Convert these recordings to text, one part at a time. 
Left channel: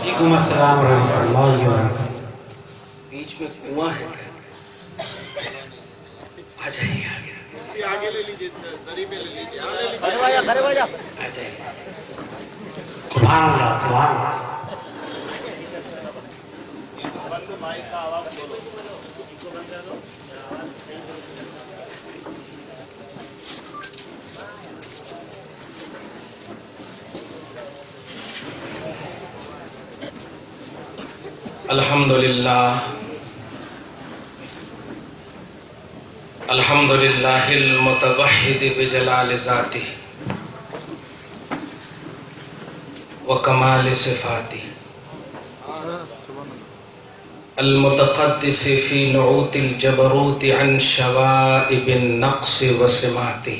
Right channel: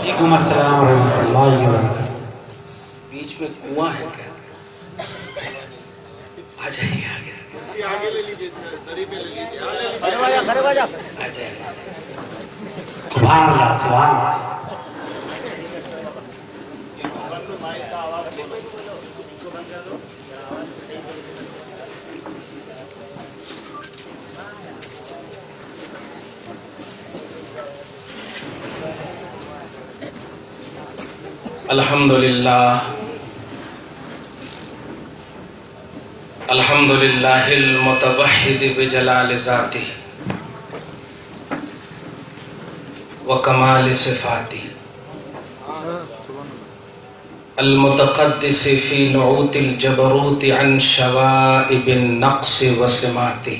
وعلیکم السلام ورحمۃ اللہ وبرکاتہ۔ بیچ میں کنواں ہے کیا؟ آ جائیے آگے لے لیجیے، دری پہ لے لیجیے، آ جائیے۔ سبحان اللہ سبحان اللہ۔ بند مائک کا آواز بولو۔ الحمد للہ المتوحد بجلال ذاتہ وکمال صفاتہ المتقدس فی نعوت الجبروت عن شوائب النقص وسماتہ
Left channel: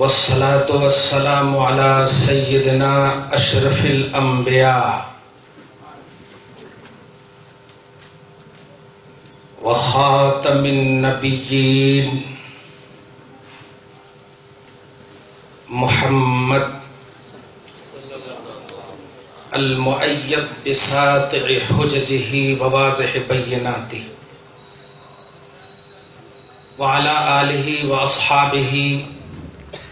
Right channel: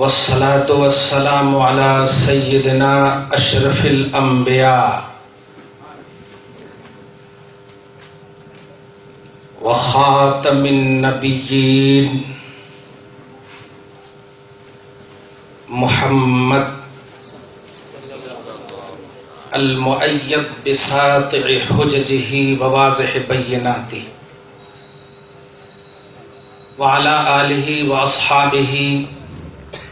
والصلاة والسلام على سیدنا اشرف الانبیاء وخاتم النبیین محمد المؤید بساطع حججہ وواضح بیناتہ وعلى آلہ واصحابہ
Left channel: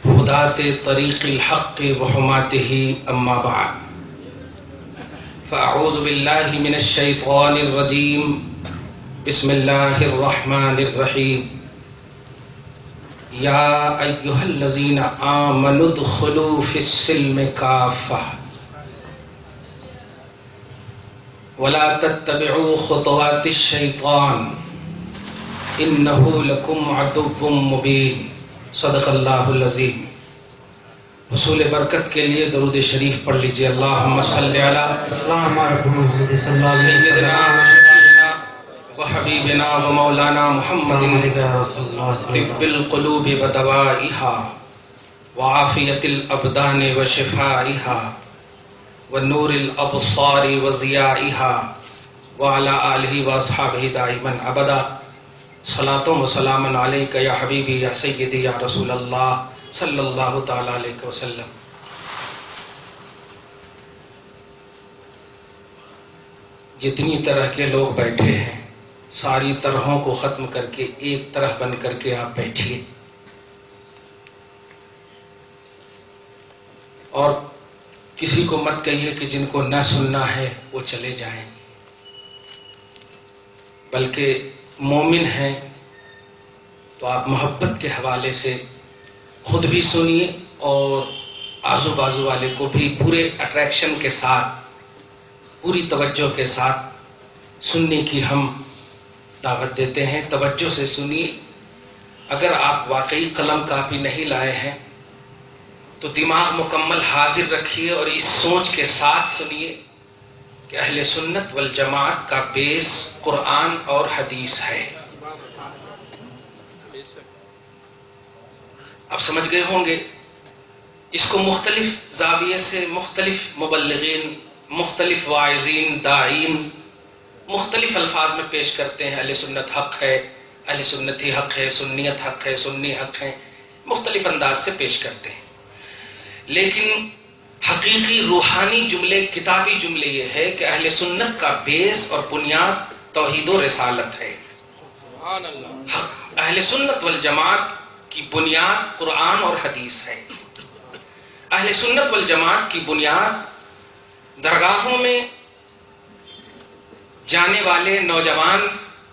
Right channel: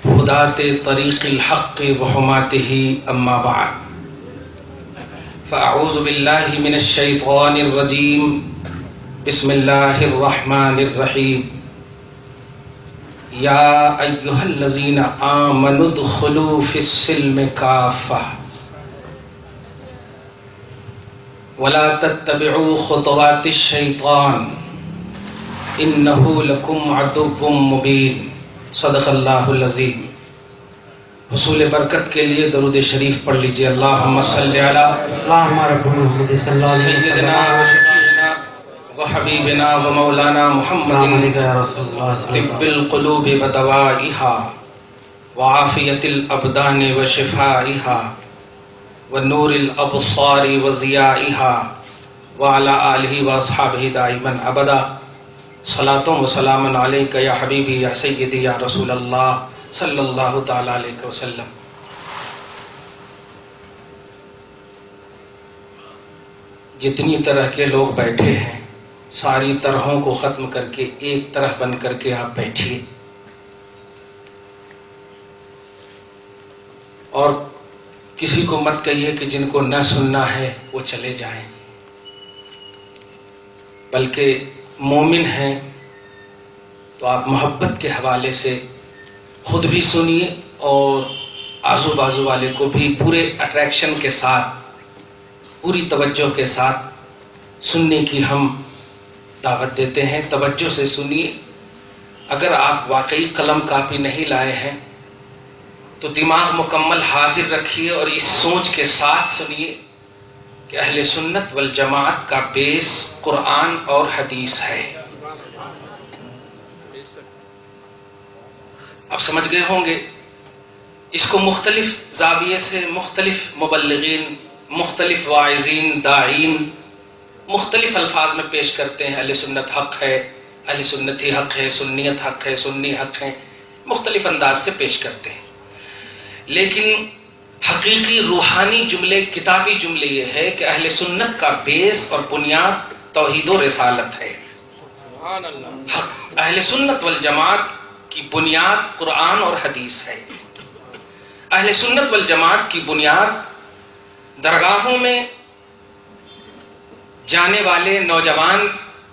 ہداة طریق الحق وحماتہ اما بعد فاعوذ باللہ من الشیطان الرجیم بسم اللہ الرحمن الرحیم یا ایہا الذین آمنوا ادخلوا فی السلم کافہ ولا تتبعوا خطوات الشیطان انہ لکم عدو مبین۔ صدق اللہ العظیم۔ حصول برکت کے لیے درود شریف پڑھ لیجئے۔ اللہم صلی علی اللہم رب محمد صلی اللہ علیہ سیدنا و شفیعنا و حبیبنا و مولانا محمد طب القلوب و دوائها وعافیت الابدان و شفائها و نور الابصار و ضیائها وعلى آلہ و اصحابہ دائما ابدا۔ صلاۃ و سلام علیک یا حبیبی یا سیدی یا رسول اللہ صلی اللہ تعالی علیہ وسلم۔ جتنی طرح کے لوگ بیٹھے ہیں ساری طرحوں کو ختم کر کے ایک طرح بن کر کے آپ بیٹھیے اور کسی کو مت کہیے کہ جن کو نہ سننا ہے وہ چلے جائیں، بلکہ مومن ہیں تو آپ محبت کے حوالے سے خود بھی سنیے اور آزو بازو والے کو بھی پورے اٹریکشن کے ساتھ پوری توجہ کے ساتھ سننے کی ہم دعوت دیتے ہیں۔ توجہ سے سنیے۔ اگر آپ واقعی قلم کاپی نہیں لائے ہیں تو دماغ مکمل حاضر رکھیے اور اس سوچ کے ساتھ سنیے کہ اہل سنت والجماعت کا بیس قرآن اور حدیث ہے۔ اب سمجھ گئے ہوں گے۔ اس کو مختلف زاویے سے مختلف مبلغین، مختلف واعظین، داعین مختلف الفاظ میں پیش کرتے ہیں۔ اہل سنت حق ہے، اہل سنتی حق ہے، سنیت حق ہے، سنی حق ہے، مختلف انداز سے پیش کرتے ہیں۔ لیکن حقیقی روحانی جملے، کتابی جملے یہ ہے کہ اہل سنت کا بیس اور بنیاد توحید و رسالت ہے۔ سبحان اللہ۔ اہل سنت والجماعت کی بنیاد قرآن اور حدیث ہے۔ اہل سنت والجماعت کی بنیاد درگاہوں میں جانے والے نوجوان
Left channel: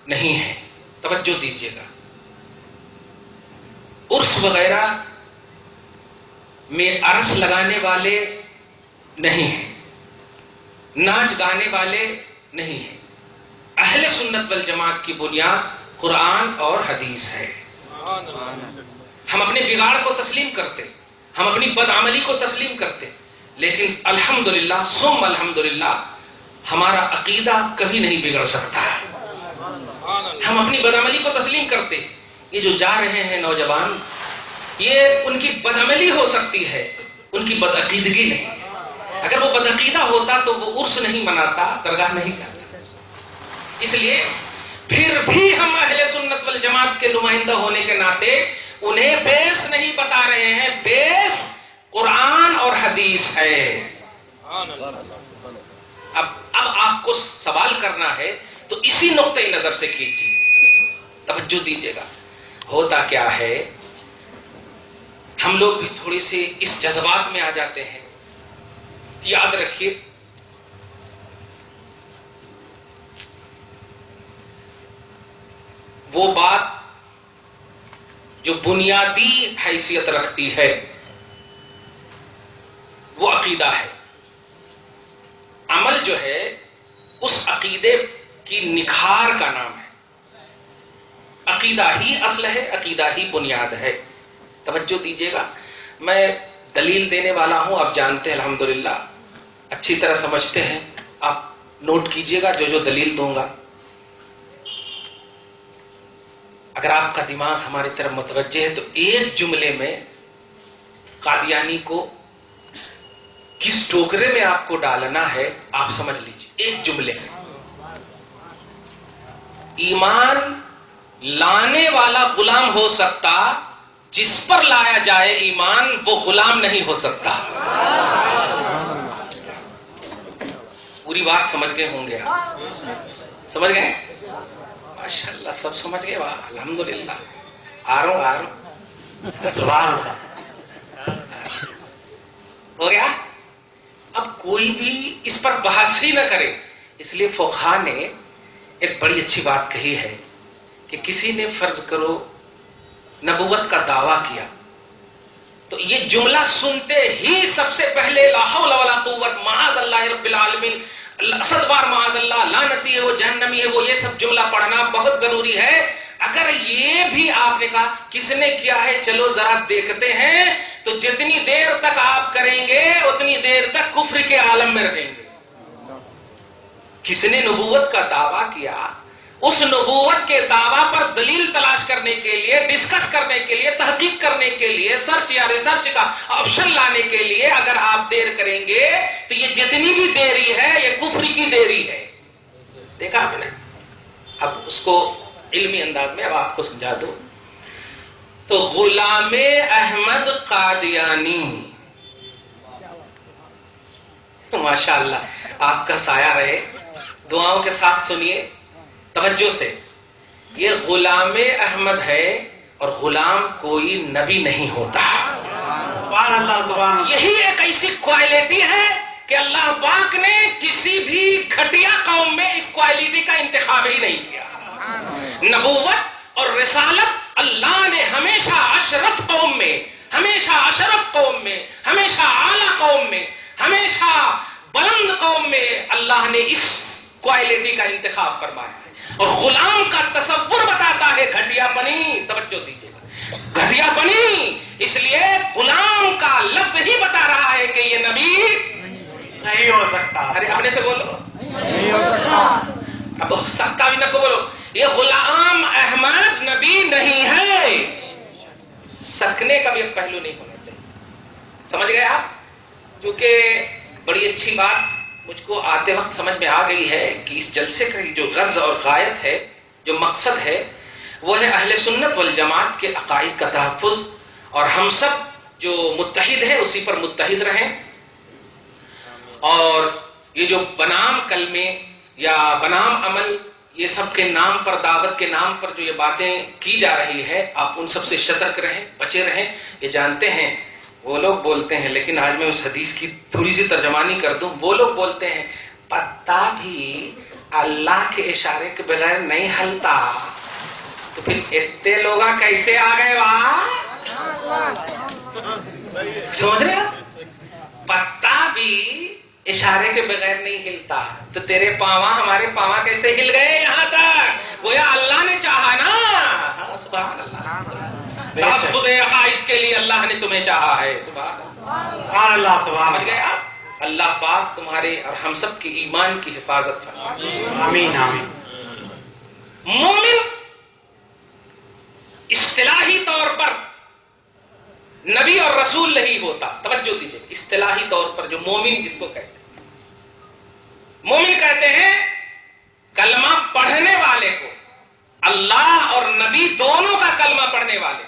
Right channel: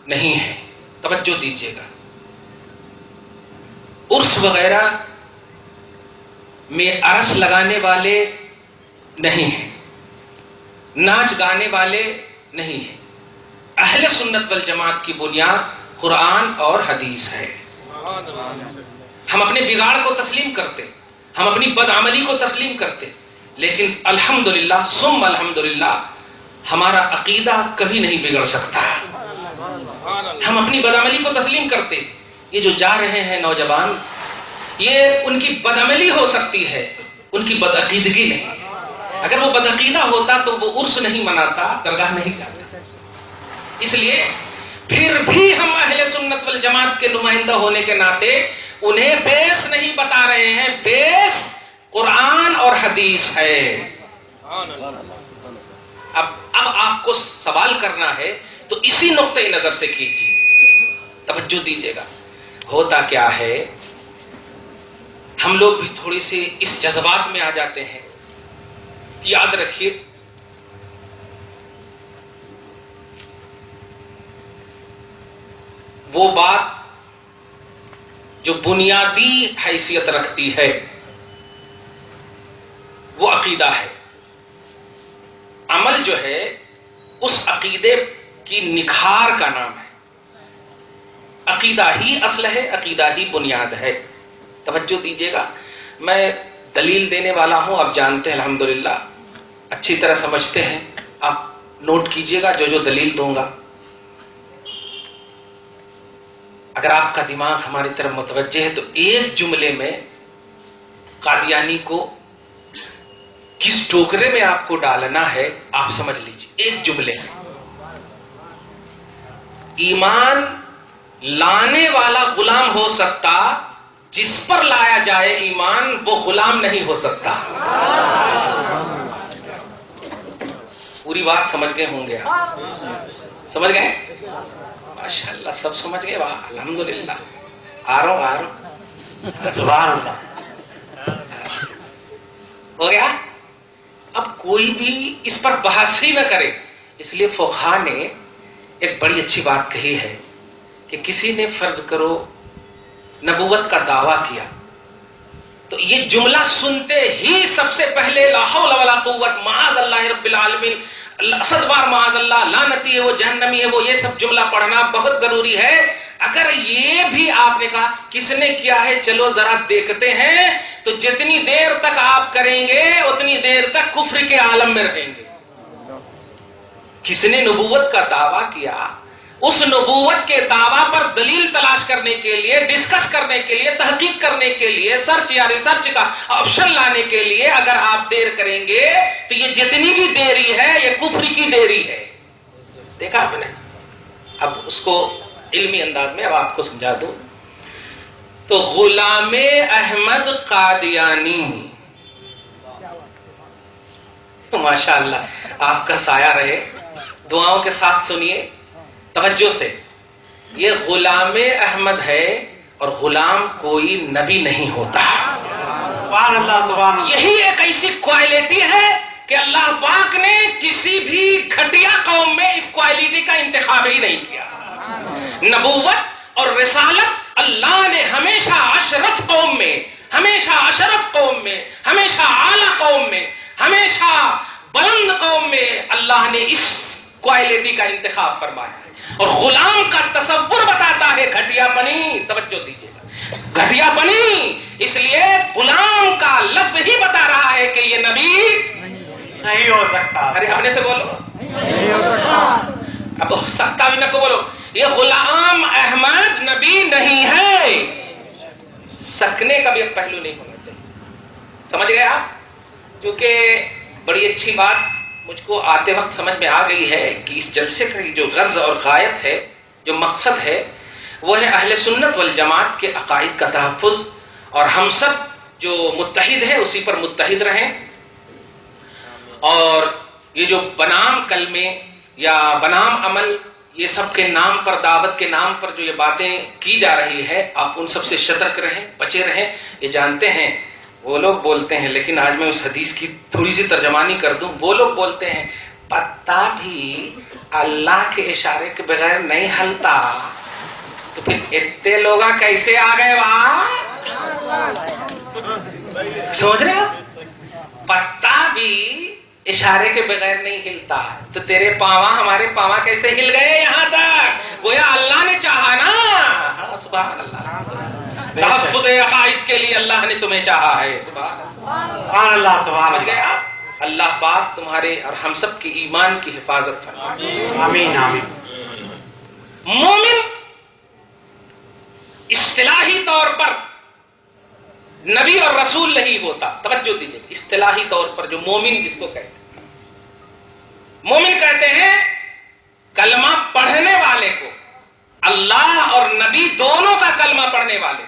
نہیں ہیں، توجہ دیجیے گا، عرس وغیرہ میں عرس لگانے والے نہیں ہیں، ناچ گانے والے نہیں ہیں۔ اہل سنت والجماعت کی بنیاد قرآن اور حدیث ہے۔ ہم اپنے بگاڑ کو تسلیم کرتے، ہم اپنی بدعملی کو تسلیم کرتے، لیکن الحمدللہ ثم الحمدللہ ہمارا عقیدہ کبھی نہیں بگڑ سکتا۔ ہم اپنی بدعملی کو تسلیم کرتے۔ یہ جو جا رہے ہیں نوجوان، یہ ان کی بدعملی ہو سکتی ہے، ان کی بدعقیدگی نہیں۔ اگر وہ بدعقیدہ ہوتا تو وہ عرس نہیں مناتا، درگاہ نہیں جاتا۔ اس لیے پھر بھی ہم اہل سنت والجماعت کے نمائندہ ہونے کے ناطے انہیں بیس نہیں بتا رہے ہیں، بیس قرآن اور حدیث ہے. اب آپ کو سوال کرنا ہے تو اسی نقطۂ نظر سے کیجیے، توجہ دیجیے گا. ہوتا کیا ہے، ہم لوگ بھی تھوڑی سی اس جذبات میں آ جاتے ہیں. یاد رکھیے، وہ بات جو بنیادی حیثیت رکھتی ہے وہ عقیدہ ہے. عمل جو ہے اس عقیدے کی نکھار کا نام ہے. عقیدہ ہی اصل ہے، عقیدہ ہی بنیاد ہے. توجہ دیجیے گا، میں دلیل دینے والا ہوں، آپ جانتے ہیں الحمدللہ، اچھی طرح سمجھتے ہیں. آپ نوٹ کیجیے گا جو دلیل دوں گا. اگر آپ کا دماغ ہماری طرف متوجہ ہے تو ایک جملے میں قادیانی کو کس ٹوکرے میں آپ کو ڈالنا ہے آپ سمجھ لیجیے. ایک جملے میں ایمان لانے والا غلام ہو سکتا، جس پر لایا جائے ایمان وہ غلام نہیں ہو سکتا. پوری بات سمجھ گئے ہوں گے آپ؟ سمجھ گئے؟ ماشاءاللہ سب سمجھ گئے. واہ الحمدللہ. آ رہا ہوں. سبحان اللہ. ہو گیا. اب کوئی بھی اس پر بحث ہی نہ کرے. اس لیے فقہا نے ایک بڑی اچھی بات کہی ہے کہ کسی نے فرض کرو نبوت کا دعویٰ کیا تو یہ جملہ سنتے ہی سب سے پہلے لا حول ولا قوت معاذ اللہ رب العالمین، اسد بار معاذ اللہ، لعنتی ہے وہ، جہنمی ہے وہ، یہ سب جملہ پڑھنا بہت ضروری ہے. اگر یہ بھی آپ نے کہا کس نے کیا ہے، چلو ذرا دیکھتے ہیں، تو جتنی دیر تک آپ کریں گے اتنی دیر تک کفر کے عالم میں رہیں گے. کس نے نبوت کا دعویٰ کیا، اس نبوت کے دعویٰ پر دلیل تلاش کرنے کے لیے، ڈسکس کرنے کے لیے، تحقیق کرنے کے لیے، سرچ یا ریسرچ کا آپشن لانے کے لیے اگر آپ دیر کریں گے تو یہ جتنی بھی دیری ہے یہ کفر کی دیری ہے. دیکھا آپ نے. اب اس کو علمی انداز میں اب آپ کو سمجھا دوں. تو غلام احمد قادیانی، ماشاءاللہ آپ کا سایہ رہے، دعاؤں کے ساتھ سنیے توجہ سے. یہ غلام احمد ہے اور غلام کوئی نبی نہیں ہوتا. سبحان اللہ. سبحان اللہ. یہی ایک ایسی کوالٹی ہے کہ اللہ پاک نے کسی بھی گھٹیا قوم میں اس کوالٹی کا انتخاب ہی نہیں کیا. نبوت اور رسالت اللہ نے ہمیشہ اشرف قوم میں، ہمیشہ اشرف قوم میں، ہمیشہ اعلی قوم میں، ہمیشہ بلند قوم میں اللہ نے اس کوالٹی کا انتخاب فرمایا ہے. اور غلام کا تصور بتاتا ہے گھٹیا بنی. توجہ دیجیے گا، گھٹیا بنی اس لیے غلام کا لفظ ہی بتا رہا ہے کہ یہ نبی نہیں ہو سکتا. ارے اپنے سے بولو، اب ہو سکتا بھی نہ کو بولو. یہ غلام احمد نبی نہیں ہے. سکنے کا بھی ایک پہلو نہیں ہونا چاہیے. سمجھ گئے آپ؟ کیونکہ بڑی اچھی بات مجھ کو آتے وقت سمجھ میں آ گئی ہے کہ اس جلسے کا جو غرض اور غایت ہے، جو مقصد ہے، وہ ہے اہل سنت والجماعت کے عقائد کا تحفظ، اور ہم سب جو متحد ہیں اسی پر متحد رہیں. اور یہ جو بنام کلمے یا بنام عمل، یہ سب کے نام پر، دعوت کے نام پر جو یہ باتیں کی جا رہی ہے، آپ ان سب سے سترک رہیں، بچے رہیں. یہ جانتے ہیں وہ لوگ بولتے ہیں، لیکن آج میں اس حدیث کی تھوڑی سی ترجمانی کر دوں. وہ لوگ بولتے ہیں پتا بھی اللہ کے اشارے کے بغیر نہیں ہلتا. تو پھر اتنے لوگ کیسے آ گئے وہاں؟ سمجھ رہے ہو؟ پتا بھی اشارے کے بغیر نہیں ہلتا، تو تیرے پاواں ہمارے پاواں کیسے ہل گئے یہاں تک؟ گویا اللہ نے چاہا نا. ہاں سبحان اللہ. تحفظ عقائد کے لیے اللہ نے تمہیں چاہا ہے. سبحان اللہ. سبحان سمجھ گئے اللہ. آپ؟ اللہ پاک تمہارے اور ہم سب کی ایمان کی حفاظت فرمائے. آمین آمین. مومن اصطلاحی طور پر نبی اور رسول نہیں ہوتا. توجہ دیجیے، اصطلاحی طور پر جو مومن جس کو کہتے ہیں، مومن کہتے ہیں کلمہ پڑھنے والے کو، اللہ اور نبی دونوں کا کلمہ پڑھنے والے.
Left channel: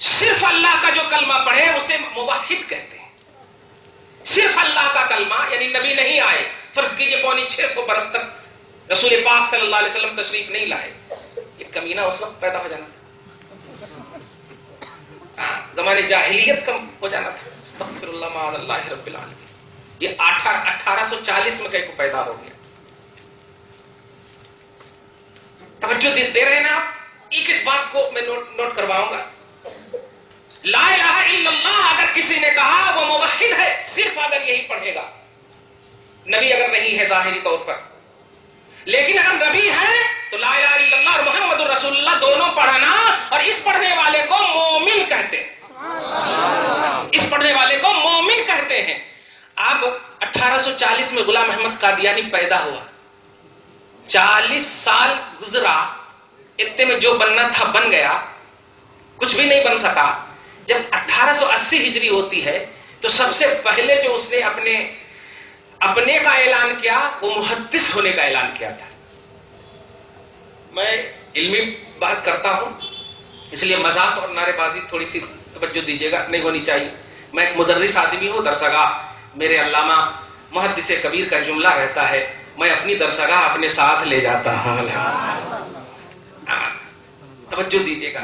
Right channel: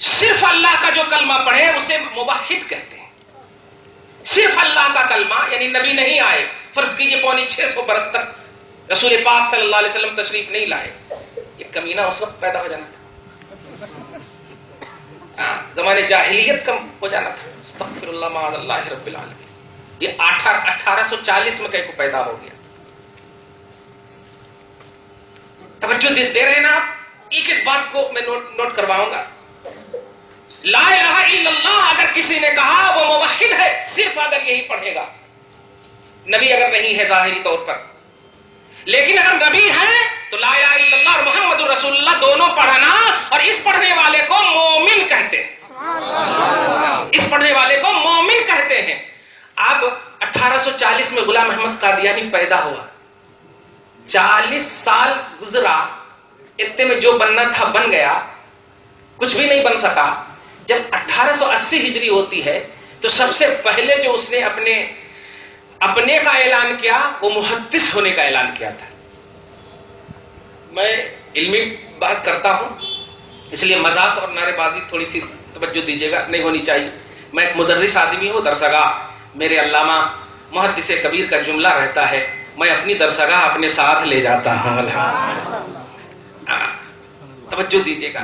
صرف اللہ کا جو کلمہ پڑھے اسے موحد کہتے ہیں. صرف اللہ کا کلمہ، یعنی نبی نہیں آئے، فرض کیجئے 650 برس تک رسول پاک صلی اللہ علیہ وسلم تشریف نہیں لائے، یہ کمینہ اس وقت پیدا ہو جانا تھا، زمانے جاہلیت کم ہو جانا تھا، استغفر اللہ معاذ اللہ رب العالمین، یہ 1840 میں کہیں کو پیدا ہو گیا۔ توجہ دے رہے ہیں نا آپ؟ ایک ایک بات کو میں نوٹ کرواؤں گا۔ لا الہ الا اللہ اگر کسی نے کہا وہ موحد ہے، صرف اگر یہی پڑھے گا، نبی اگر نہیں ہے ظاہری طور پر، لیکن اگر نبی ہے تو لا الہ الا اللہ اور محمد رسول اللہ دونوں پڑھنا، اور اس پڑھنے والے کو مومن کہتے ہیں، اس پڑھنے والے کو مومن کہتے ہیں۔ اب 1840 میں غلام احمد قادیانی پیدا ہوا، 40 سال گزرا، اتنے میں جو بننا تھا بن گیا، کچھ بھی نہیں بن سکا۔ جب 1880 ہجری ہوتی ہے تو سب سے پہلے جو اس نے اپنے کا اعلان کیا وہ محدث ہونے کا اعلان کیا تھا۔ میں علمی بحث کرتا ہوں، اس لیے مذاق اور نعرے بازی تھوڑی سی توجہ دیجیے گا، نہیں ہونی چاہیے۔ میں ایک مدرس آدمی ہوں، درسگاہ میرے علامہ محدث کبیر کا جملہ رہتا ہے، میں اپنی درسگاہ اپنے ساتھ لے جاتا ہوں۔ توجہ دیجیے گا،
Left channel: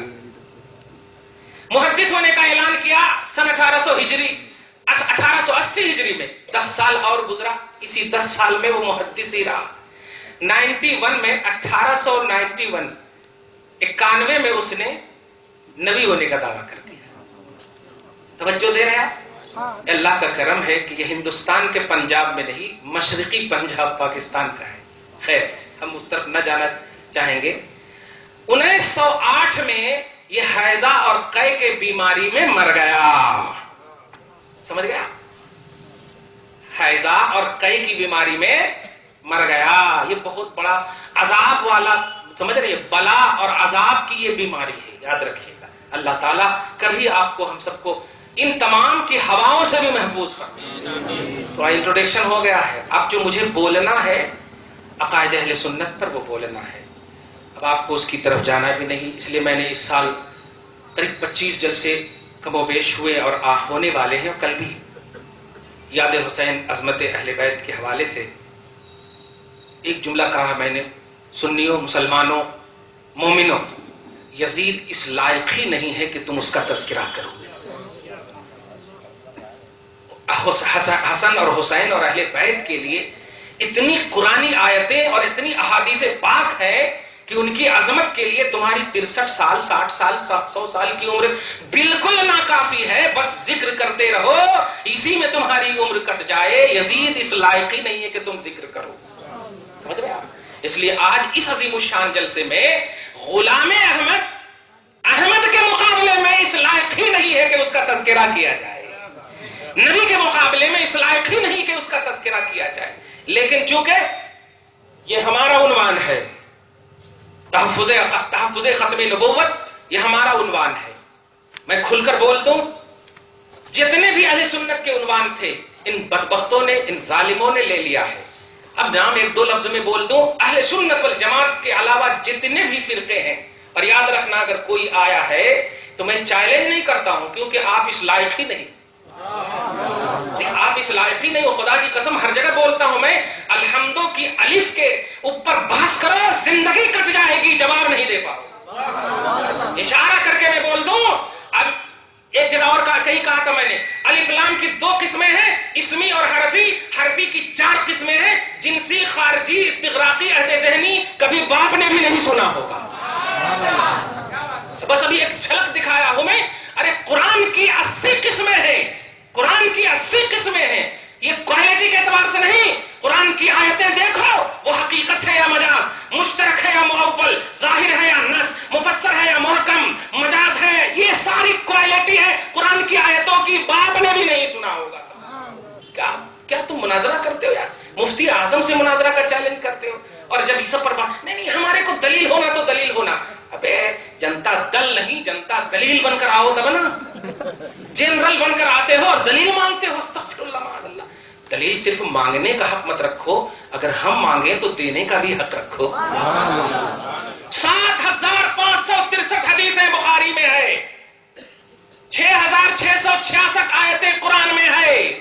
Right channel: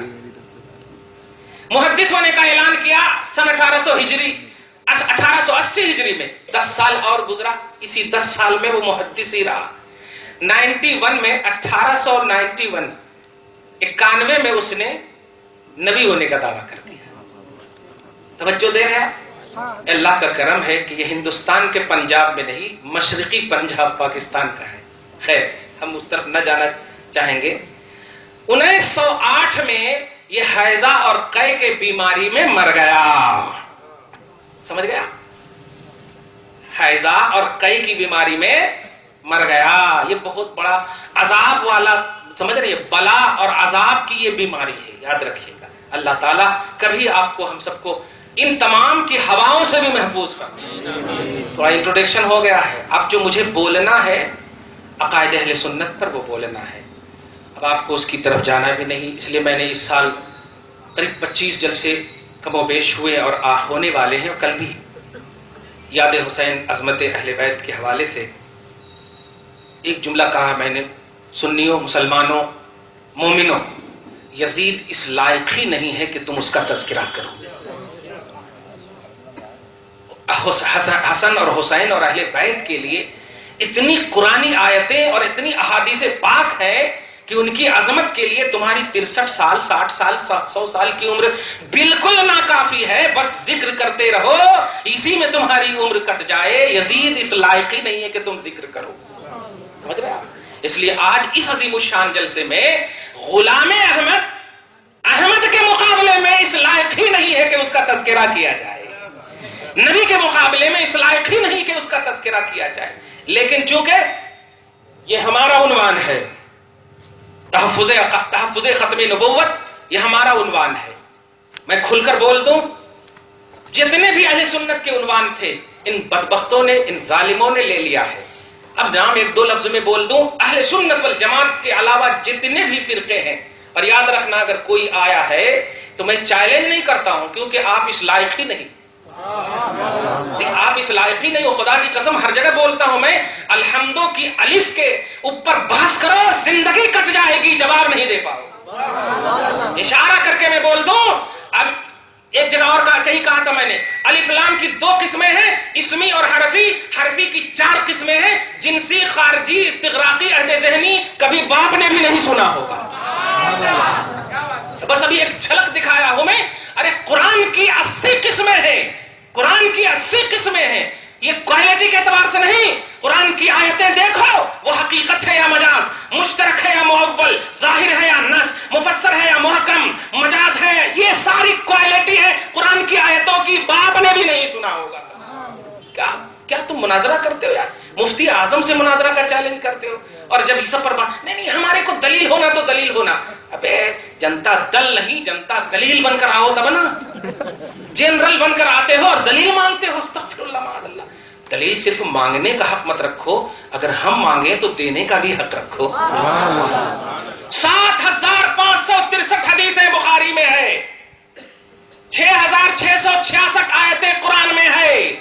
محدث ہونے کا اعلان کیا سن 1880 ہجری میں، 10 سال اور گزرا، اسی 10 سال میں وہ محدث ہی رہا۔ 91 میں 1891 میں اس نے نبی ہونے کا دعویٰ کر دیا۔ توجہ دے رہے ہیں آپ؟ اللہ کا کرم ہے کہ یہ ہندوستان کے پنجاب میں نہیں، مشرقی پنجاب پاکستان کا ہے، خیر ہم اس طرف نہ جانا چاہیں گے۔ 1908 میں یہ حیضہ اور قے کے بیماری میں مر گیا، سمجھ گیا؟ حیضہ اور قے کی بیماری میں مر گیا، یہ بہت بڑا عذاب والا، سمجھ رہے ہیں، بلا اور عذاب کی یہ بیماری ہے، یاد رکھیے گا۔ اللہ تعالیٰ کبھی آپ کو ہم سب کو ان تمام کی ہواؤں سے بھی محفوظ فرمائے۔ تو انٹروڈکشن ہو گیا ہے، اب جو مجھے بولنا ہے عقائد اہل سنت پر وہ بولنا ہے، اب آپ کو اس کی طرف جانا بھی نہیں، اس لیے میں نے اس سال قریب 25 جلسے کم و بیش ہوئے اور ہونے والے ہیں، کل بھی یاد حسین عظمت اہل بیت کے حوالے سے ایک جملہ کہا میں نے، سنیوں، مسلمانوں، مومنوں، یزید اس لائق ہی نہیں ہے کہ تم اس کا تذکرہ کرو۔ حسن اور حسین اور اہل بیت کے لیے اتنی قرآنی آیتیں اور اتنی احادیث پاک ہے کہ ان کی عظمت کے لیے تمہاری 63 سال، 60 سال، 100 سال کی عمر بالکل ناکافی ہے، بس ذکر کرتے رہو، اسی میں تمہاری عمر کٹ جائے۔ یزید اس لائق ہی نہیں ہے کہ تم ذکر کرو، سمجھ رہے آپ؟ اس لیے آج اس عظیم الشان جلسے میں غلام احمد کے مقابلے میں اس لائق ہی نہیں ہے کہ اس کا تذکرہ کیا جائے، نبی کے مقابلے میں اس لائق ہی نہیں کہ اس کا تذکرہ کیا جائے، لیکن چونکہ یہ ہمارا عنوان ہے، تحفظ ختم نبوت، یہ ہمارا عنوان ہے، میں کھل کر بول دوں، جتنے بھی اہل سنت کے عنوان تھے ان بدبختوں نے، ان ظالموں نے لے لیا ہے۔ اب نام ایک دو لفظ میں بول دوں، اہل سنت والجماعت کے علاوہ جتنے بھی فرقے ہیں، اور یاد رکھنا اگر کوئی آیا ہے تو میں چیلنج نہیں کرتا ہوں، کیونکہ آپ اس لائق ہی نہیں، آپ اس لائق ہی نہیں ہو، خدا کی قسم ہر جگہ بولتا ہوں میں، الحمدو کی الف کے اوپر بحث کرو، زندگی کٹ جائے گی، جواب نہیں دے پاؤ۔ اشارہ کر کے میں بول دوں، اب ایک جگہ اور کہیں کہا تھا میں نے، الف لام کی 2 قسمیں ہیں، اسمی اور حرفی، حرفی کی 4 قسمیں ہیں، جنسی، خارجی، استغراقی، عہد ذہنی، کبھی باپ نے بھی نہیں سنا ہوگا، بس ابھی ایک جھلک دکھایا ہوں میں۔ ارے قرآن کی 80 قسمیں ہیں، قرآن کی 80 قسمیں ہیں، یہ کوالٹی کے اعتبار سے نہیں، قرآن کی آیتیں دیکھو وہ حقیقت ہے یا مجاز، مشترک ہے یا معول، ظاہر ہے یا نص، مفسر ہے یا محکم، مجاز ہے، یہ ساری کوالٹی ہے قرآن کی آیتوں کی، باپ نے بھی نہیں سنا ہوگا۔ کیا تم مناظرہ کرتے ہو یار؟ مفتی اعظم سے مناظرہ کا چیلنج کرتے ہو، اور جب یہ سب پر بات، نہیں ہمارے کو دلیل ہونا تو دلیل ہونا، ابے جنتا دل نہیں، جنتا دلیل بن کر آؤ تب نا، جنرل بن کر آتے ہو اور دلیل مانگتے ہو، استغفر اللہ معاذ اللہ۔ دلیل صرف مانگنے کا حق مت رکھو، اگر ہم مانگیں تو دینے کا بھی حق رکھو۔ 7563 حدیثیں بخاری میں ہے، 6666 آیتیں قرآن میں ہے،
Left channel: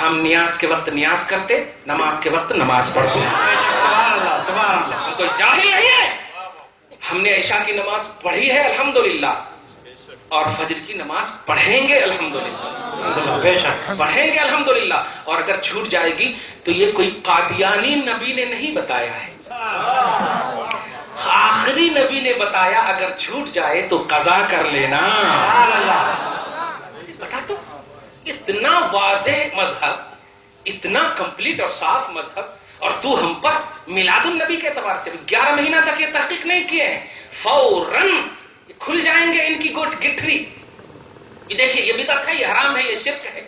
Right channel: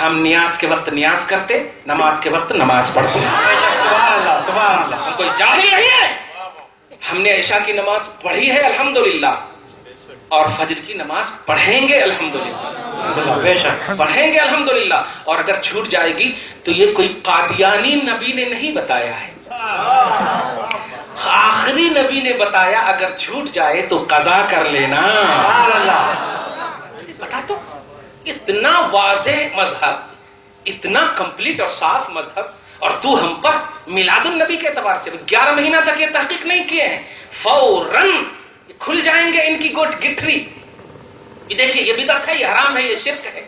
ہم نیاز کے وقت نیاز کرتے، نماز کے وقت نماز پڑھتے. بے شک سبحان اللہ سبحان اللہ. ہم کوئی جاہل نہیں ہے. ہم نے عشاء کی نماز پڑھی ہے الحمدللہ، اور فجر کی نماز پڑھیں گے الحمدللہ، بے شک پڑھیں گے الحمدللہ. اور اگر چھوٹ جائے گی تو یہ کوئی قادیانی نبی نے نہیں بتایا ہے، آخری نبی نے بتایا اگر چھوٹ جائے تو قضا کر لینا. سبحان اللہ. بتا تو اتنا واضح مذہب، اتنا کمپلیٹ اور صاف مذہب، اور تو ہم پر میلاد النبی کے اعتبار سے 11 مہینہ تک یہ تحقیق نہیں کیے ہیں، فوراً کھل جائیں گے ان کی گٹھری. یہ دیکھیے یہ بدعت ہے، یہ حرام ہے، یہ شرک ہے،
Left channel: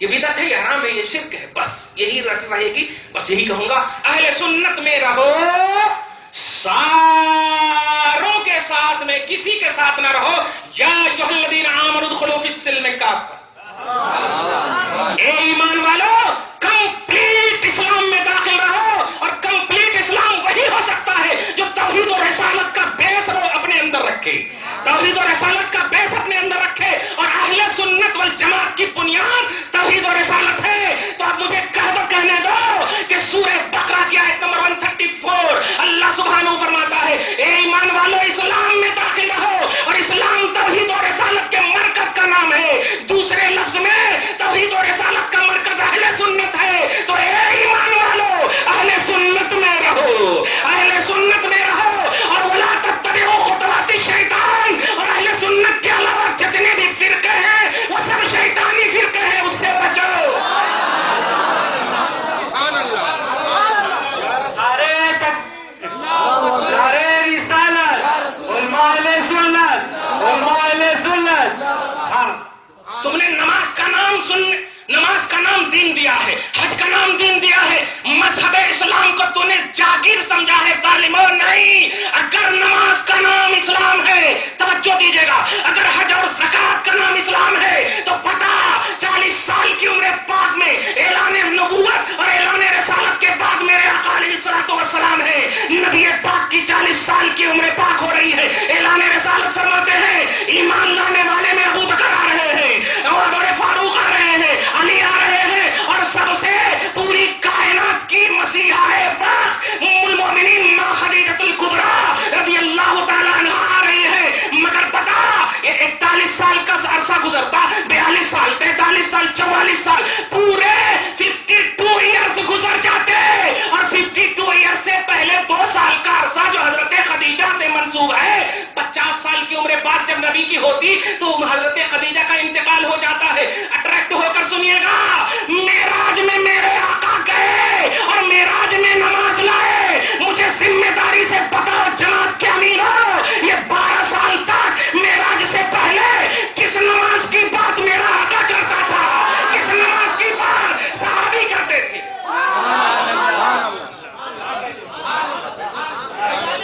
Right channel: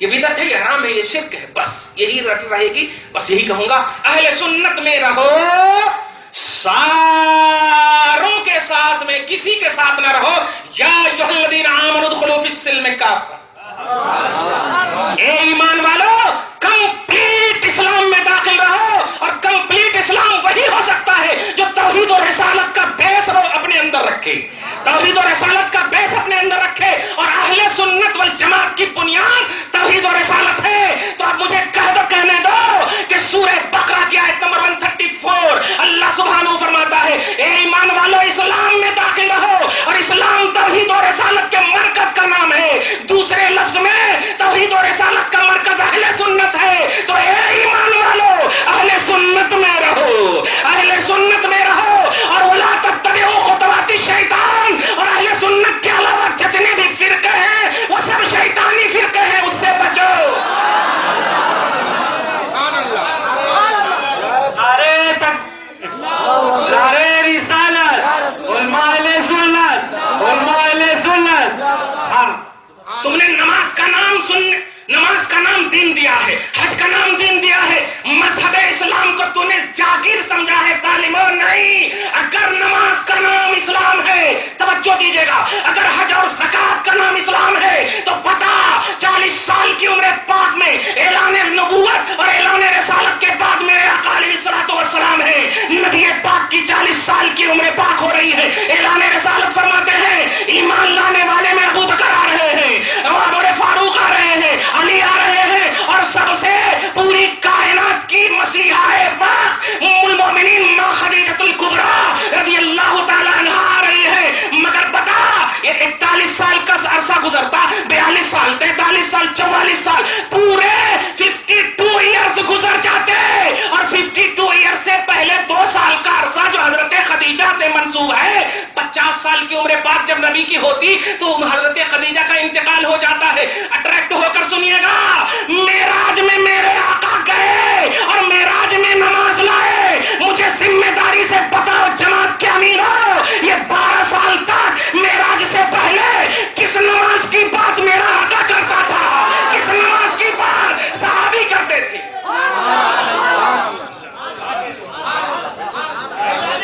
یہ بدعت ہے، یہ حرام ہے، یہ شرک ہے. بس یہی رہے گی. بس یہی کہوں گا، اہل سنت میں رہو، ساروں کے ساتھ میں کسی کے ساتھ نہ رہو. یا ایھا الذین آمنوا ادخلوا فی السلم کافہ، اے ایمان والو کمپلیٹ اسلام میں داخل رہو. اور کمپلیٹ اسلام وہی ہو سکتا ہے جو توحید و رسالت کا بیس اپنے اندر رکھے، توحید و رسالت کا بیس اپنے اندر رکھے. اور اہل سنت والجماعت کی بنیاد توحید و رسالت ہے. تو اب مجھے کہنے دو کہ سورہ بقرہ کی آیت نمبر 134 اللہ سبحانہ فرماتا ہے، اے ایمان والو اسلام میں داخل رہو. اور اسلام توحید و رسالت کے مرکز کا نام ہے. دوسرے لفظ میں توحید و رسالت کا مرکز اہل سنت ہے. تو اے ایمان والو اہل سنت میں رہو، اہل سنت میں رہو. اور ولا تتبعوا خطوات الشیطان، اور اہل سنت کے علاوہ جتنے بھی فرقے ہیں وہ سب شیطانی فرقے ہیں، اس سے بچو. نعرہ رسالت علماء اہل سنت، علماء اہل سنت. ہاں تم نے نماز کا نام دین دیا ہے، حج کا نام دین دیا ہے، مذہب اسلام کو تو نے جاگیر سمجھا ہے. ظالموں نہیں، اگر نماز کا نام اسلام ہے، توجہ دیجیے گا، اگر حج اور زکات کا نام اسلام ہے تو پتا 40 سال کی عمر پاک میں اعلان نبوت اور اعلان رسالت کے بعد میرے آقا علیہ الصلوۃ والسلام ہے. نبی پاک کی 40 سال کی عمر پاک ہو رہی ہے. اعلان رسالت فرماتے ہیں ایمان لانے والے میں ابو بکر آ رہے ہیں، عمر فاروق آ رہے ہیں، علی آ رہے ہیں، اور سب سے پوری کائنات کی مسیحا پاک ام المؤمنین ماں خدیجہ الکبریٰ رضی اللہ تعالی عنہا آ رہی ہے. مگر پتا یہ 41 سال کا عرصہ گزرتا، 42 سال، 43 سال، 44 سال، پورے 52 ایئرز گزر جاتے. اور 52 ایئرز سے پہلے 2 سال کا عرصہ جو حضرت خدیجہ سے منسوب ہے، 50 سال کی عمر بعد جب نبی کی ہوتی تو حضرت خدیجہ کا انتقال ہو جاتا ہے. اٹریکٹ ہو کر سنیے گا، معراج میں میرے آقا گئے اور معراج میں نماز لائے. مجھے ذمہ داری سے بتاؤ جماعت کے امیر ہو، یہ 12 سال تک معراج سے پہلے کس نماز کی بات میرا آقا کرتا تھا، کس نماز کی بات صحابی کرتے تھے.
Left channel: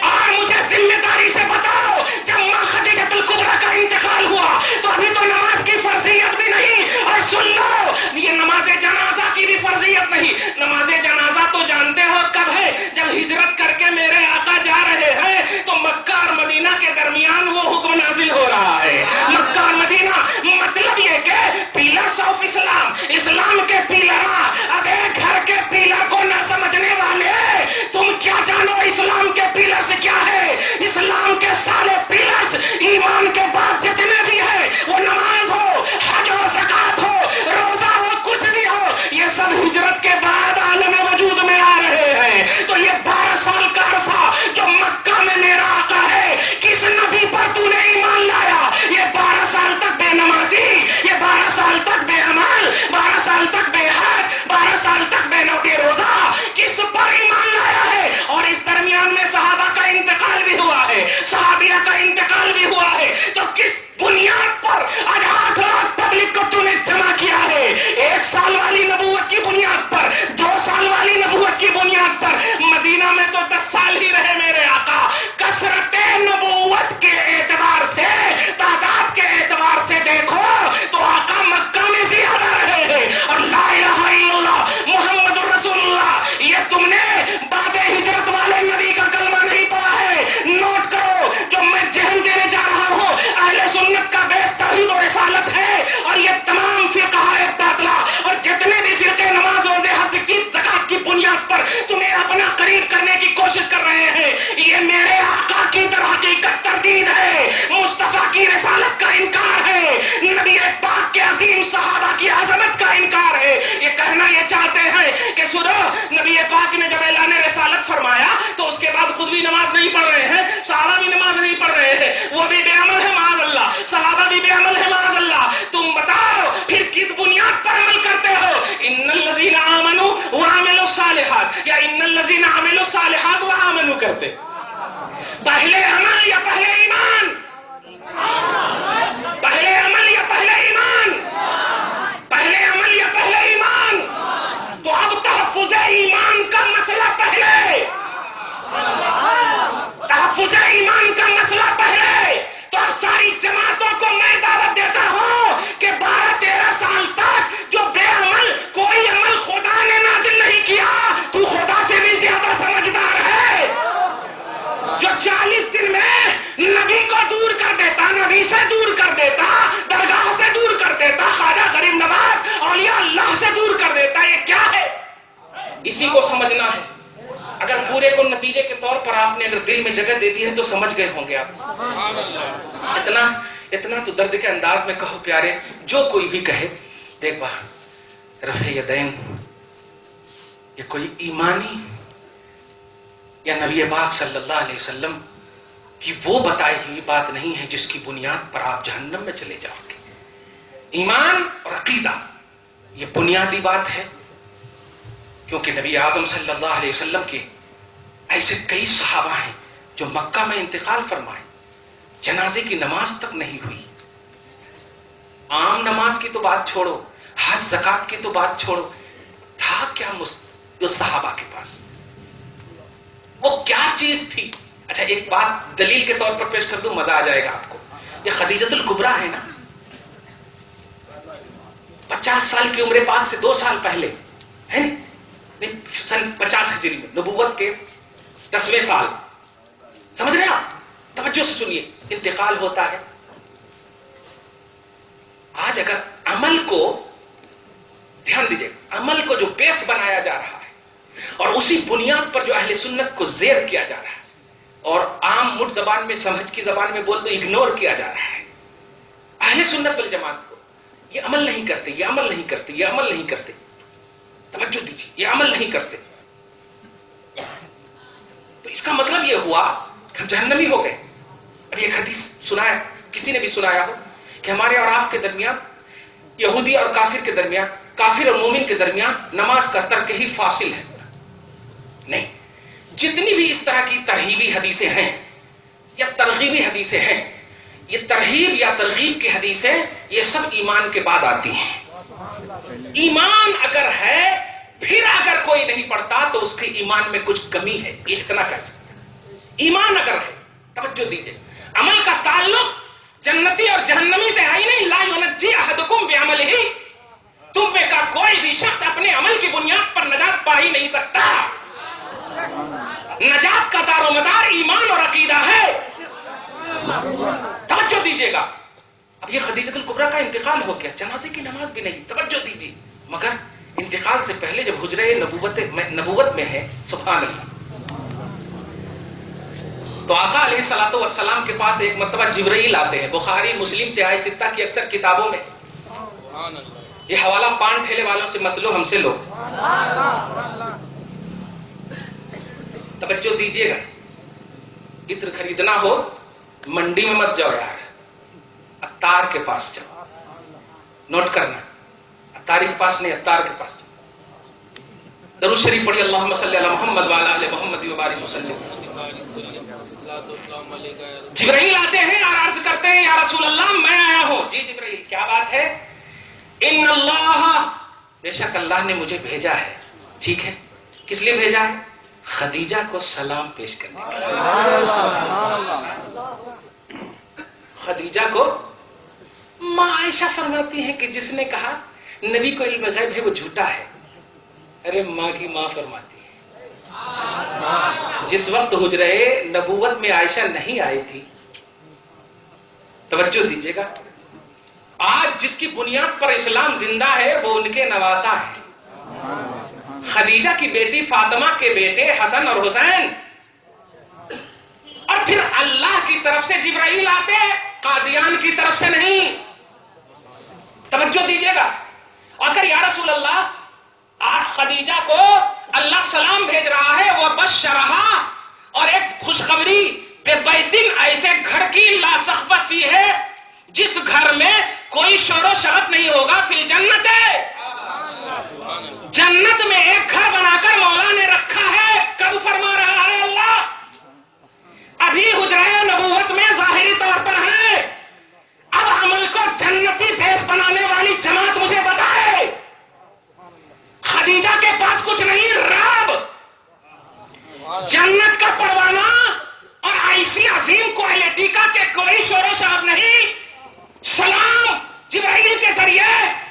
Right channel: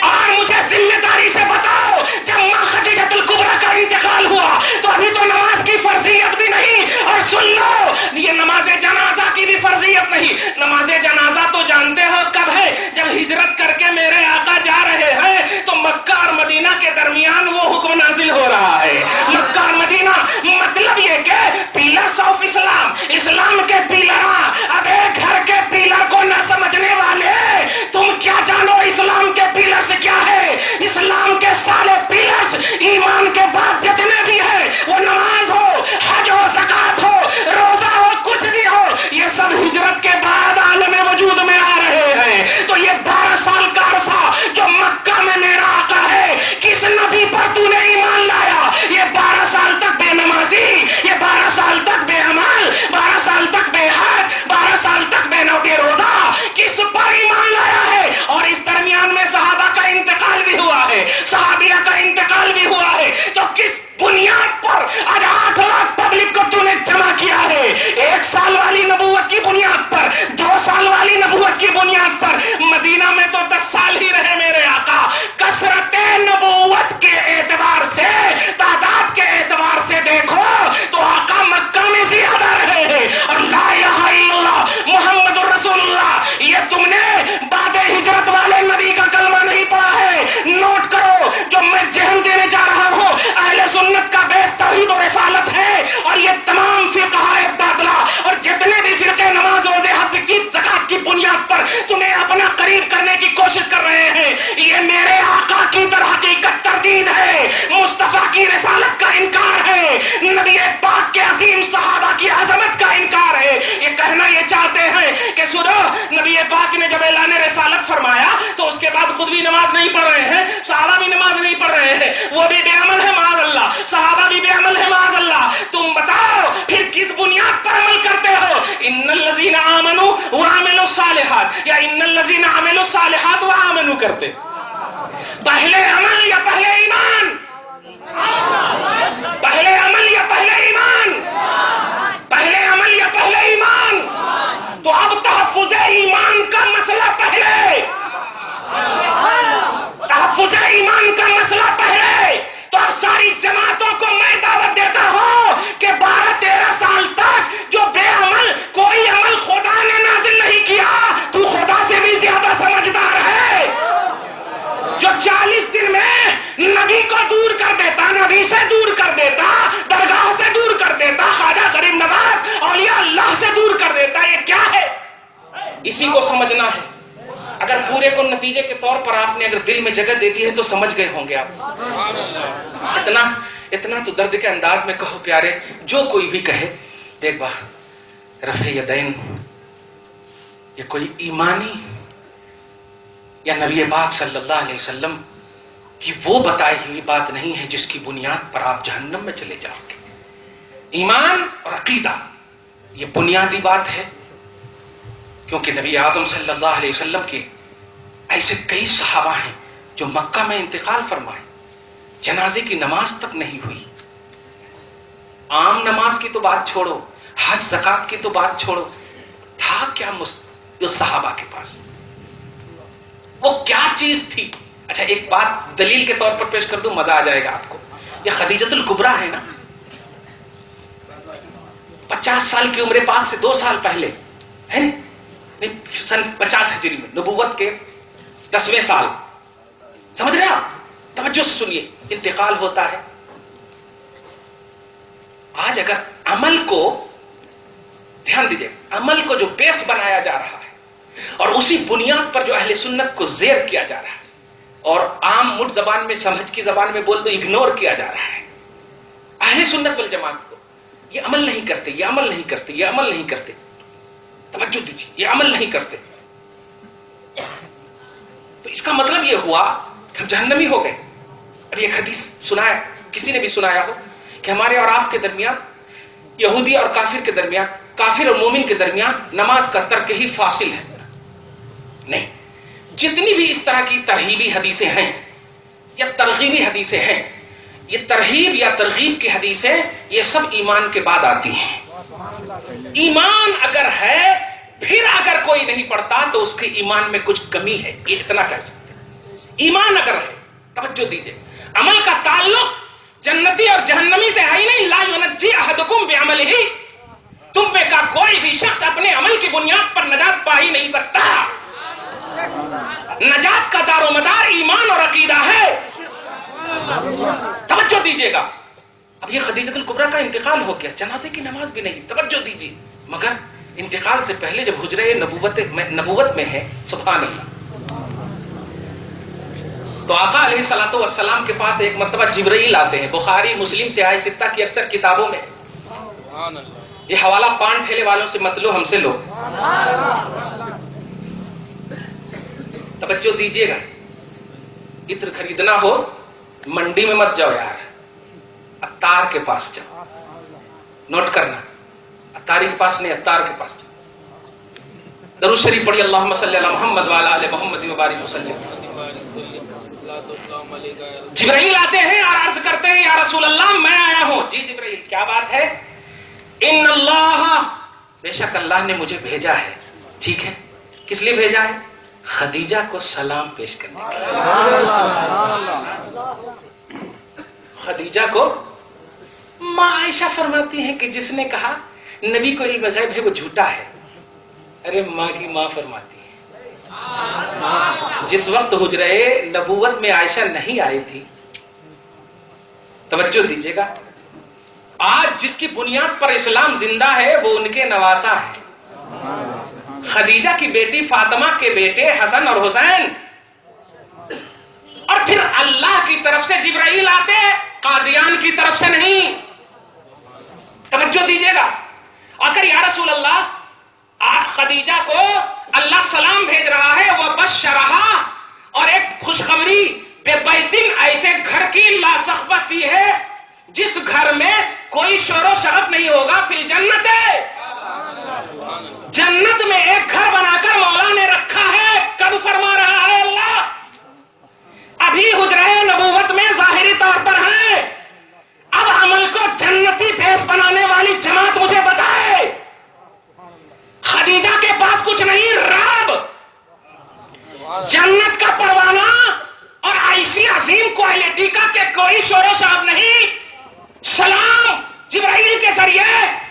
اور مجھے ذمہ داری سے بتاؤ جب ماں خدیجہ الکبریٰ کا انتقال ہوا تو ابھی تو نماز کی فرضیت بھی نہیں. اور سن لو، یہ نماز جنازہ کی بھی فرضیت نہیں. نماز جنازہ تو جانتے ہو کب ہے؟ جب ہجرت کر کے میرے آقا جا رہے ہیں تو مکہ اور مدینہ کے درمیان وہ حکم نازل ہو رہا ہے. مکہ اور مدینہ مطلب یہ کہ پیلرز آف اسلام، اسلام کے پیلراں. اب ایک گھر کے پیلر کو نہ سمجھنے والے، تم کیا جانو اسلام کے پیلرز کیا ہے؟ اسلام کے سارے پیلرز ایمان کے بعد جتنے بھی ہیں، وہ نماز ہو، حج ہو، زکات ہو، روزہ ہو، کچھ بھی ہو، یہ سب ہجرت کے بعد عالم وجود میں آ رہے ہیں. تو یہ 12 سال کا عرصہ جو مکہ میں میرا آقا ہے، کس نبی پر تو نے ایمان لایا؟ یہ 12 سال تک بے نمازی، یہ 12 سال تک بے عمل، 12 سال تک بے حج، 12 سال تک بے روزہ، کس پر ایمان لایا ہے؟ اور اس درمیان میں صحابہ کا انتقال بھی ہوا ہے، صحابیہ کا انتقال بھی ہوا ہے. تو کس بنیاد پر آج 8 لاکھ پبلک کو تو نے جمع کیا ہے؟ 1 سال والی نبوت کی بنیاد پر، 2 سال والی نبوت کی بنیاد پر. مدینہ میں تو 10 سال ہی رہے میرے آقا. کثرت نبوت کے اعتبار سے، تعداد کے اعتبار سے دیکھو تو آقا مکہ میں زیادہ رہے ہیں. اور لا الہ الا اللہ محمد الرسول اللہ، یہ تم نے بعد ہجرت والے نبی کا کلمہ نہیں پڑھا ہے. نوٹ کرو، جو میں ذہن دینے جا رہا ہوں، اہل سنت کا بیس توحید و رسالت ہے. بنیاد پر تمہیں اپنا قریب کرنے کی کوشش کر رہے ہیں. یہ میرے آقا کی در حقیقت تردید ہے، مصطفیٰ کی رسالت کا انکار ہے، نبی پاک کے عظیم صحابہ کی عظمت کا انکار ہے. یہ کہنا یہ چاہتے ہیں کہ سنو، نبی پاک نے جب اعلان رسالت فرمایا تو اس کے بعد خود بھی نماز نہیں پڑھ رہے ہیں، صحابہ بھی نماز نہیں پڑھ رہے ہیں، وہ بھی بے عمل ہے معاذ اللہ، صحابہ بھی بے عمل ہے معاذ اللہ. تم بتاؤ پھر کس بنیاد پر عمل کرتے ہو؟ ان الذین آمنوا وعملوا الصالحات یا ان الذین عملوا الصالحات وآمنوا کرتے؟ پہلے عمل یا پہلے ایمان؟ پہلے عمل یا پہلے ایمان؟ پہلے عمل یا پہلے ایمان؟ تو اب تحفظ ایمان کا مسئلہ پہلے، تحفظ ایمان کا مسئلہ پہلے. تو اب ساری جماعتوں کو میں دعوت دیتا ہوں کہ 12-13 سال تک جو بے عمل، کوئی عمل خدا نے نازل نہیں کیا، تو خدا سے بھی زیادہ سمجھدار ہے. جو 40 دن میں نبی کو دور کر دیتا، نبی سے دور کر دیتا، درگاہ سے دور کر دیتا، خواجہ غریب نواز اولیاء اللہ سے دور کر دیتا، یہ کیا ہے؟ اسی کو سمجھنا ہے. اگر پورے کو نتیجے کے طور پر آپ نے اگر دل میں جگہ دے دی ہے تو سمجھ گئے ہوں گے آپ. اتنا تو درد کے انداز میں کہو پیارے، جو کوئی بھی کہے دیکھ با رفع یدین یہ کوئی ایمانی یا نبی پاک صلی اللہ علیہ وسلم کی وہ بتائی ہوئی بات نہیں ہے جس کی بنیاد پر آپ جہنم میں چلے جاؤ گے. ایمان اور عقیدہ یہ بنیادی بات ہے، کیونکہ نبی اعظم صلی اللہ علیہ وسلم کے ایسے کئی صحابہ ہیں جو مکہ میں انتقال فرمائے، جنازے کی نماز تک نہیں ہوئی. عام نماز کی تو بات چھوڑو، حج زکات کی تو بات چھوڑو، تھا کیا جو صحابہ کے پاس وہ کیا چیز تھی؟ اچھا ایک بات دلیل کے طور پر پیش کر دوں، مزہ آ جائے گا آپ کو. یہ خدیجۃ الکبریٰ ہے نا، 50 سال کی عمر پاک سے 2 سال پہلے ہے نا، سن 50 ہجری میں نبوت کے 10ویں سال، سمجھ رہے ہیں آپ؟ توجہ سے سنیے، انتقال ہوتا ہے. آج اگر عمل کو دھیان دیجئے، عمل کو جو بیس بنایا جا رہا ہے اور اسی بنیاد پر جو اہل سنت کو زیر کیا جا رہا ہے اور عام مٹ زبان میں، سمجھ کی زبان میں بول دو اگنور کیا جا رہا ہے، اہل سنت والجماعت کو یہ عمل نہیں کرتے، یہ عمل نہیں کرتے، یہ عمل نہیں کرتے. توجہ دیجیے، یہ عمل نہیں کرتے تو اس کا مطلب یہ ہوا کہ ہم جہنمی ہو گئے. ابھی ایک حدیث سنایا، کسی نے بھی سنایا ہو کہ ہمارے اور آپ کے درمیان، یہودی اور کافر کے درمیان، کافر اور مومن کے درمیان نماز کا ترک ہی فاصل ہے. نہیں، جتنی بھی اس طرح کی ترغیبی حدیثیں ہیں یا ترغیبی حدیثیں ہیں، یہ ترغیب یا ترغیب کی حدیثیں یہ سب ایمان کے بعد آتی ہیں. ایمان اگر ہے، پھر اگر کوئی نہیں پڑھتا تو اس کے ایمان میں کچھ کمی ہے، یہ اتنا کہہ سکتے. ایمان اگر ہے، توجہ دیجئے، عمل کا تعلق جنتی اور جہنمی سے ہے ہی نہیں. لا ینجی احدکم بعملہ، تم میں کا کوئی بھی شخص اپنے عمل کی بنیاد پر نجات پا ہی نہیں سکتا. نجات کا دار و مدار ایمان اور عقیدہ ہے. توجہ دیجئے گا. اب یہ خدیجۃ الکبریٰ کا انتقال ہو گیا، جنازے کی نماز بھی نہیں. توجہ دیجئے، مگر انتقال سے پہلے جب حجرہ نبوت میں ہے، سبحان اللہ، تو آقا علیہ الصلوۃ والسلام کے پاس ایک مرتبہ جبرائیل آتے ہیں. بخاری مسلم سے آئے، ستہ کی اکثر کتابوں میں. یہ حوالہ پان ٹھیلے والوں سے مت لو، ہم سے لو. توجہ دیجئے گا، عطر خریدنا ہو منڈی میں مت جاؤ یار، عطار کے پاس جاؤ. نوٹ کرنا، عطاری کے پاس نہیں، عطار کے پاس جاؤ. درود شریف پڑھی، اللہم صلی علی محمد وعلی آل محمد وبارک وسلم. جبرائیل آتے ہیں اور عرض کرتے ہیں، یا رسول اللہ میں آیا ہوں. جی جبرائیل، کیا بات ہے؟ ان اللہ، بے شک اللہ نے مجھے بھیجا ہے. ٹھیک ہے، کس لیے بھیجا ہے؟ خدیجہ کو سلام پیش کرنے کے لیے. خدیجہ کو ماں عائشہ فرماتی ہیں کہ جس نے کہا نبی کو علم غیب ہے وہ جھوٹا ہے. ارے ماں کی ماں فرماتی ہے، جس وقت حجرہ نبوت میں عائشہ نہیں آئی تھی، توجہ دیجیے گا، آج جس کی بنیاد پر اسلام زندہ ہے وہ ان کے نواسا ہیں. خدیجہ کی بیٹی فاطمہ کے بیٹے حسن اور حسین، اور پھر اللہ کی طرف سے جبرائیل آتے، قادیان کی طرف سے نہیں. توجہ دیجیے گا. اگر یا رسول اللہ خدیجہ کو اللہ سلام بھیج رہا ہے، وہ بشرہا، اور ایک خوشخبری، بے بیتن، ایسے گھر کی لا سقف فی ہے جس گھر میں کوئی شور و شرف نہیں ہوگا، فی الجنت ہے، جنت میں ایک گھر بنا کر مولا نے رکھا ہے. کب فرما رہا ہے اللہ؟ ابھی حجرہ نبوت میں ظاہری طور پر ہے، اب عمل کو جنتی بیس بنانے والی جماعت مجھے بتائے. خدیجہ کے پاس کچھ نہیں، رب جنت کا پروانہ اور ایسی عظیم کوالٹی کا کہ کوئی شور و شراب نہیں. سلام جبرائیل کے ذریعے،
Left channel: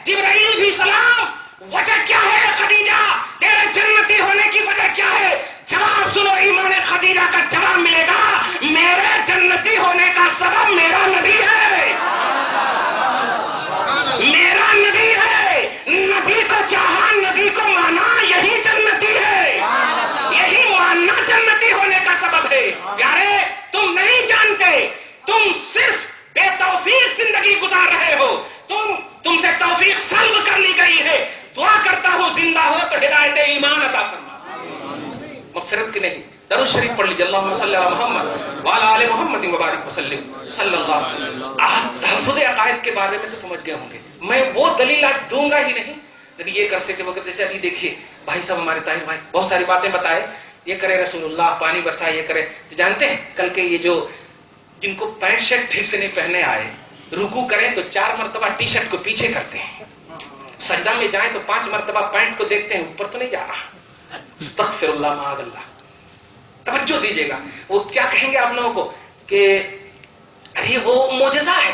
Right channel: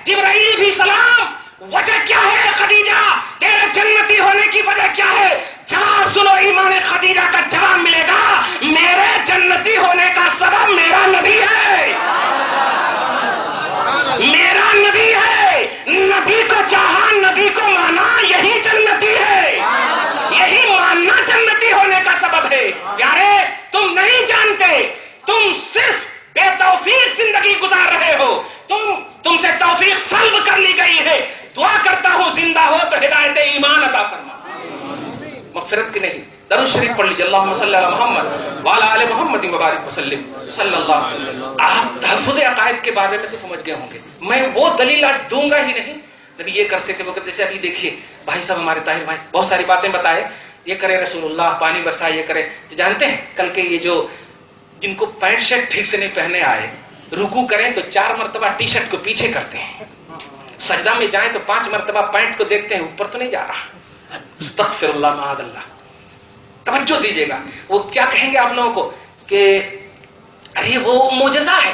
جبرائیل بھی سلام. وجہ کیا ہے خدیجہ؟ تیرے جنتی ہونے کی وجہ کیا ہے؟ جواب سنو، ایمان خدیجہ کا جواب ملے گا. میرے جنتی ہونے کا سبب میرا نبی ہے، میرا نبی ہے. نبی کو چاہا، نبی کو مانا، یہی جنتی ہے. یہی ماننا جنتی ہونے کا سبب ہے. پیارے تم نہیں جانتے، تم صرف بے توفیق زندگی گزار رہے ہو. تم سے توفیق سلب کر لی گئی ہے. دعا کرتا ہوں زندہ ہو تو ہدایت ایمان عطا فرما، مغفرت کی نہیں. درود شریف پڑھ لیجیے. اللہم صلی علی محمد وعلی آل محمد مبارک وسلم صلی اللہ علیہ وسلم. آپ تحفظ عقائد کے بارے میں تو سمجھ گئے ہوں گے. میں وہ دلیل آج دوں گا ہی نہیں. نبی یہ کرتے تھے، وہ کہتے تھے. ابھی دیکھیے بھائی صاحب، ہمارے طاہر بھائی بہت ساری باتیں بتائے، یہ کرے رسول اللہ، پانی برسائے، یہ کرے. تو جانتے ہیں کل کے یہ جو جن کو پینٹ شرٹ ٹھیک سے نہیں پہنے آئے، رکوع کریں تو 4 مرتبہ ٹی شرٹ کو پیچھے کرتے ہیں، سجدہ میں جائیں تو 5 مرتبہ پینٹ کو دیکھتے ہیں اوپر تو نہیں جا رہا. استغفر اللہ معاذ اللہ. توجہ دیجیے گا. وہ کیا کہیں گے آپ لوگوں کو کہ ارے وہ معجزہ ہے،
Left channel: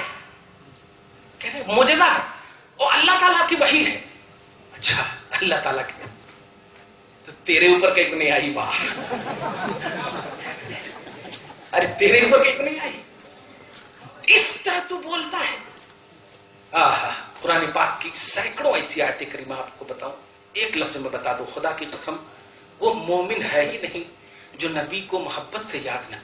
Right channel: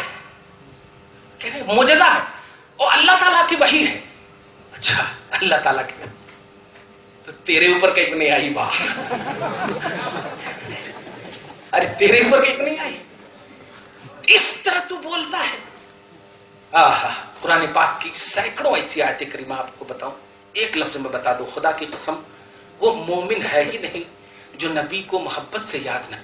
کہتے ہیں معجزہ ہے، وہ اللہ تعالیٰ کی وحی ہے. اچھا اللہ تعالیٰ کی، تو تیرے اوپر کہیں نہیں آئی بات. ارے تیرے اوپر کہیں نہیں آئی، اس طرح تو بولتا ہے. قرآن پاک کی سینکڑوں ایسی آیت کریمہ آپ کو بتاؤں، ایک لفظ میں بتا دو، خدا کی قسم وہ مومن ہے ہی نہیں جو نبی کو محبت سے یاد نہ کرے.